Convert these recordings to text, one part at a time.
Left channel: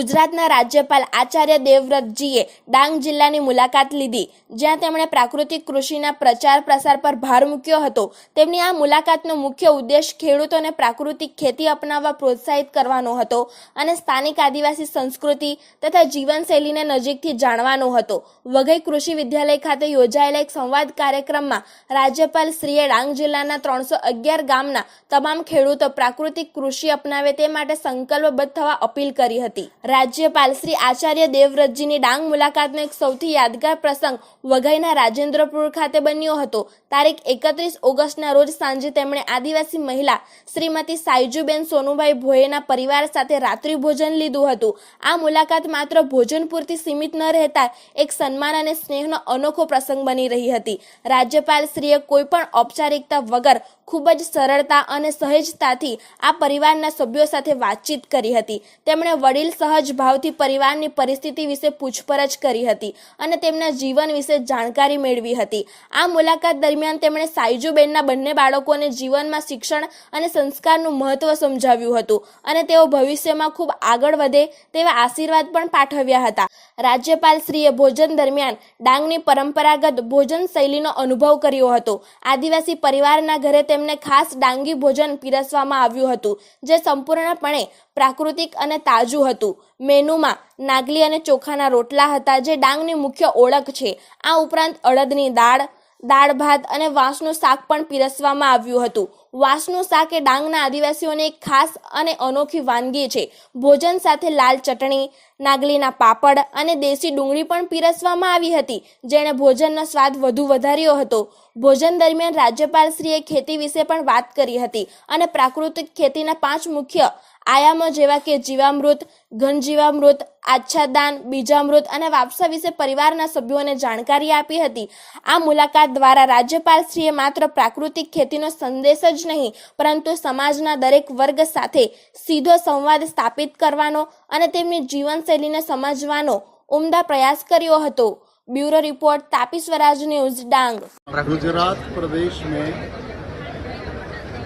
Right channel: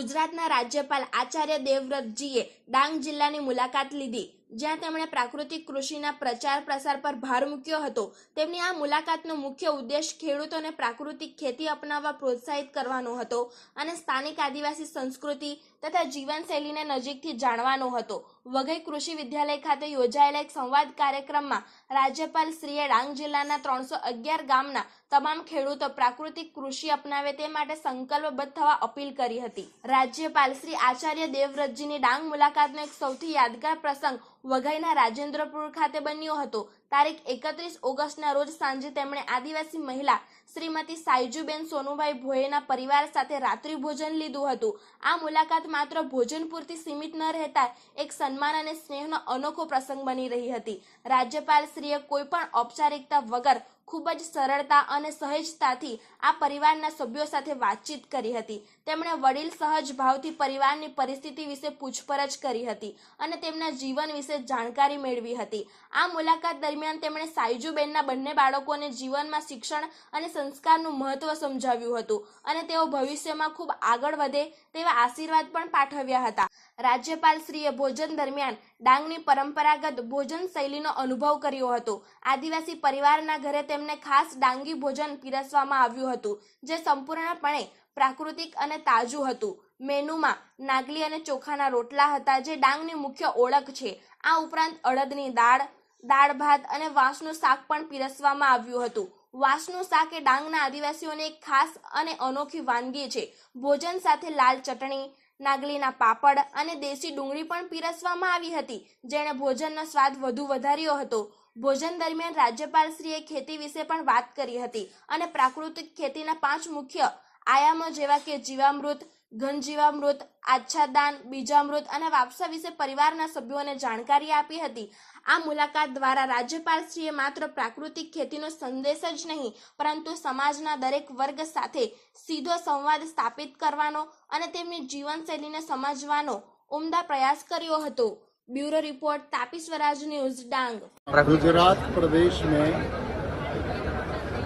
ગુજરાતના રાજ્યપાલ આચાર્ય દેવવ્રતજીએ ડાંગ જિલ્લાની મુલાકાત લીધી. જ્યાં તેમણે પ્રાકૃતિક કૃષિના પ્રચાર પ્રસાર પર ભાર મૂક્યો હતો. તેમની આ મુલાકાતનો મુખ્ય ઉદ્દેશ ખેડૂતોને પ્રાકૃતિક ખેતી અપનાવવા પ્રોત્સાહિત કરવાનો હતો અને સ્થાનિક આદિવાસી સંસ્કૃતિ તથા જીવનશૈલીને નજીકથી જાણવાનો હતો. વઘઈ કૃષિ વિદ્યાલય ખાતે યોજાયેલા એક સંવાદ કાર્યક્રમમાં રાજ્યપાલ શ્રીએ ડાંગ જિલ્લાના ત્રણસો અગિયાર ગામના તમામ ખેડૂતો પ્રાકૃતિક કૃષિ અપનાવે તે માટે સંકલ્પબદ્ધ થવા અપીલ કરી હતી. રાજ્યપાલ શ્રી આચાર્ય દેવવ્રતજીની ડાંગ મુલાકાતનો એક સૌથી યાદગાર પ્રસંગ વઘઈના રાજેન્દ્રપુર ખાતે બન્યો હતો. તારીખ એકત્રીસ ઓગસ્ટના રોજ સાંજે તેમણે આદિવાસી મહિલા શ્રીમતી સાયજુબેન સોનુભાઈ ભોયેના પરિવાર સાથે રાત્રિ ભોજન લીધું હતું. આ મુલાકાત માત્ર ભોજન પૂરતી સીમિત ન રહેતા એક સન્માન અને સ્નેહનો અનોખો પ્રસંગ બની રહી હતી. રાજ્યપાલ શ્રીએ કોઈ ઔપચારિકતા વગર ખૂબ જ સરળતા અને સહેજતાથી આ પરિવારના સભ્યો સાથે વાતચીત કરી હતી. તેમણે વડીલ સહજ ભાવથી પરિવારની પરિસ્થિતિ વિશે પૂછપરછ કરી હતી અને તેમના જીવન વિશે જાણકારી મેળવી હતી. આ મુલાકાત દરમિયાન તેમણે સાયજુબેનના બંને બાળકોને જીવનમાં શિક્ષણ અને સંસ્કારનું મહત્વ સમજાવ્યું હતું અને તેઓ ભવિષ્યમાં ખૂબ આગળ વધે તેવા આશીર્વાદ પણ પાઠવ્યા હતા. રાજ્યપાલ શ્રીએ ભોજન દરમિયાન ડાંગની પરંપરાગત ભોજન શૈલીનો અનુભવ કર્યો હતો. આદિવાસી પરિવારના ઘરે તેમને ખાસ ડાંગી ભોજન પીરસવામાં આવ્યું હતું, જે સંપૂર્ણપણે પ્રાકૃતિક અને તાજું હતું. મેનુમાં નાગલી અને ચોખાના રોટલા હતા જે ડાંગની મુખ્ય ઓળખ છે. આ ઉપરાંત અડદની દાળ દાળ ભાત અને વાંસનું શાક પણ પીરસવામાં આવ્યું હતું. વાંસનું શાક એ ડાંગના આદિવાસીઓની એક ખાસ અને અનોખી વાનગી છે. ભોજન સાથે લાલ ચટણી, નાગલીના પાપડ અને દેશી ડુંગળી પણ પીરસવામાં આવી હતી, જેણે ભોજનનો સ્વાદ વધુ વધાર્યો હતો. ભોજન દરમિયાન રાજ્યપાલશ્રીએ ખેતી વિશે પણ વાત કરી હતી અને પ્રાકૃતિક ખેતીના પાંચ મુખ્ય આયામો જેવા કે જીવામૃત, ઘનજીવામૃત, આચ્છાદાન, બીજામૃત અને વાપસા વિશે પરિવારના સભ્યોને જાણકારી આપી હતી. આ મુલાકાત દ્વારા રાજ્યપાલશ્રીએ માત્ર પ્રાકૃતિક ખેતીનો સંદેશ જ નહીં, પરંતુ સમાજના દરેક વર્ગ સાથે સીધો સંવાદ સ્થાપિત કરવાનો અને તેમની જીવનશૈલીને સમજવાનો ઉમદા પ્રયાસ કર્યો હતો. Bureau report Tapi Swaraj news Dang. Gujarat પ્રદેશ મેં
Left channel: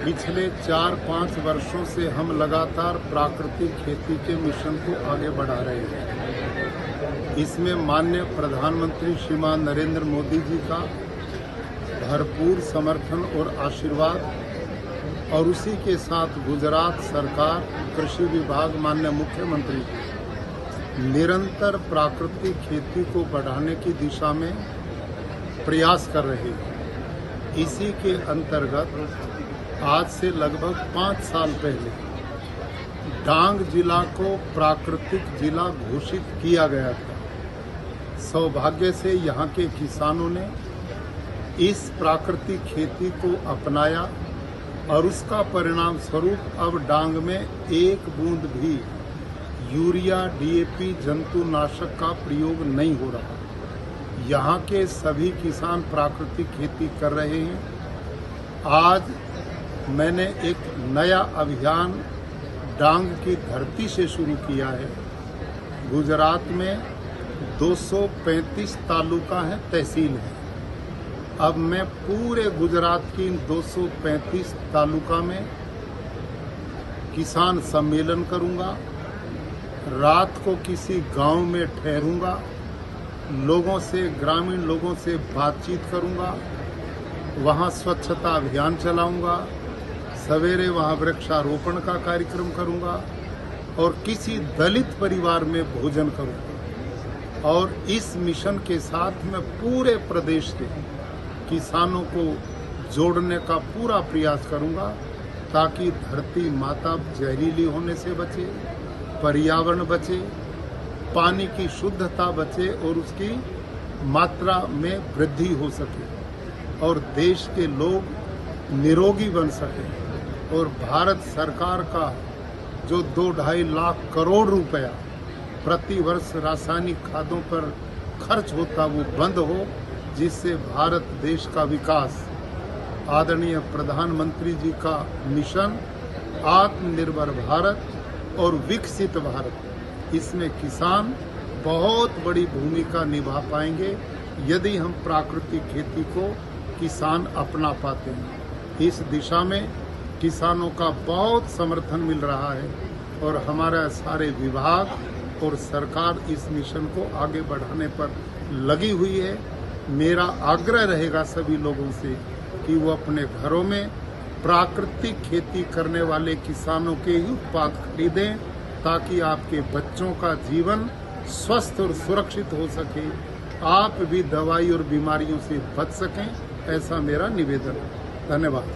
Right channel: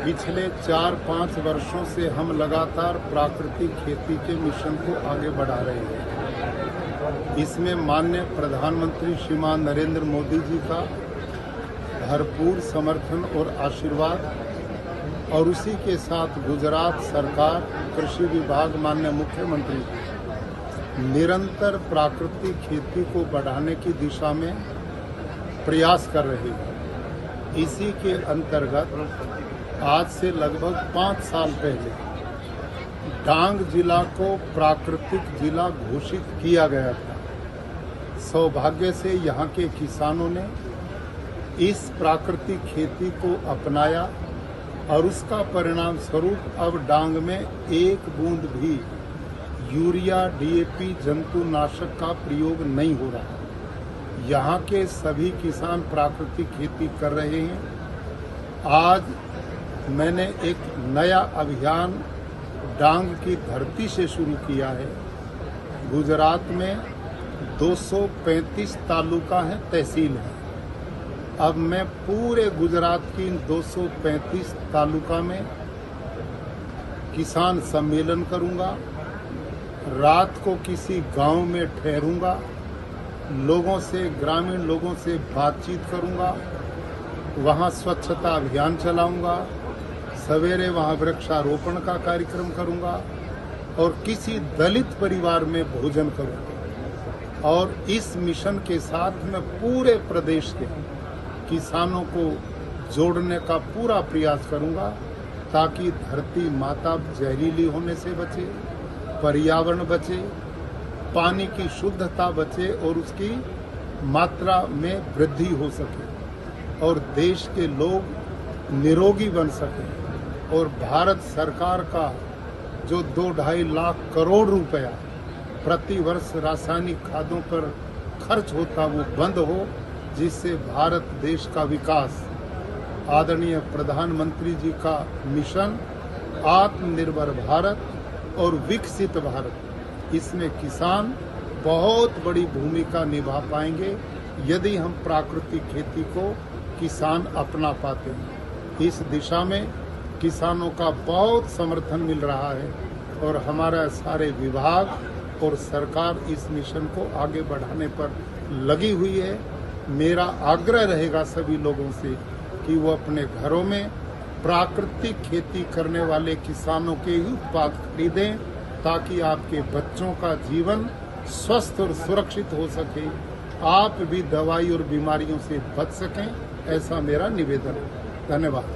पिछले चार पाँच वर्षों से हम लगातार प्राकृतिक खेती के मिशन को आगे बढ़ा रहे हैं। इसमें माननीय प्रधानमंत्री श्रीमान नरेंद्र मोदी जी का भरपूर समर्थन और आशीर्वाद, और उसी के साथ गुजरात सरकार, कृषि विभाग मान्य मुख्यमंत्री, निरंतर प्राकृतिक खेती को बढ़ाने की दिशा में प्रयास कर रहे हैं। इसी के अंतर्गत आज से लगभग पाँच साल पहले डांग जिला को प्राकृतिक जिला घोषित किया गया था। सौभाग्य से यहाँ के किसानों ने इस प्राकृतिक खेती को अपनाया और उसका परिणाम स्वरूप अब डांग में एक बूंद भी यूरिया डीएपी जंतुनाशक का प्रयोग नहीं हो रहा। यहाँ के सभी किसान प्राकृतिक खेती कर रहे हैं। आज मैंने एक नया अभियान डांग की धरती से शुरू किया है। गुजरात में 235 तालुका है, तहसील हैं। अब मैं पूरे गुजरात की इन 235 तालुका में किसान सम्मेलन करूँगा, रात को किसी गाँव में ठहरूँगा, लोगों से, ग्रामीण लोगों से बातचीत करूँगा, वहाँ स्वच्छता अभियान चलाऊँगा सवेरे वहाँ वृक्षारोपण का कार्यक्रम करूँगा और किसी दलित परिवार में भोजन करूँगा। और इस मिशन के साथ मैं पूरे प्रदेश के किसानों को जोड़ने का पूरा प्रयास करूँगा ताकि धरती माता जहरीली होने से बचे, पर्यावरण बचे, पानी की शुद्धता बचे और उसकी मात्रा में वृद्धि हो सके और देश के लोग निरोगी बन सके। और भारत सरकार का जो दो ढाई लाख करोड़ रुपया प्रति वर्ष रासायनिक खादों पर खर्च होता वो बंद हो, जिससे भारत देश का विकास। आदरणीय प्रधानमंत्री जी का मिशन, आत्मनिर्भर भारत और विकसित भारत, इसमें किसान बहुत बड़ी भूमिका निभा पाएँगे, यदि हम प्राकृतिक खेती को किसान अपना पाते हैं। इस दिशा में किसानों का बहुत समर्थन मिल रहा है और हमारा सारे विभाग और सरकार इस मिशन को आगे बढ़ाने पर लगी हुई है। मेरा आग्रह रहेगा सभी लोगों से कि वो अपने घरों में प्राकृतिक खेती करने वाले किसानों के ही उत्पाद खरीदें, ताकि आपके बच्चों का जीवन स्वस्थ और सुरक्षित हो सके। आप भी दवाई और बीमारियों से बच सकें, ऐसा मेरा निवेदन है। धन्यवाद।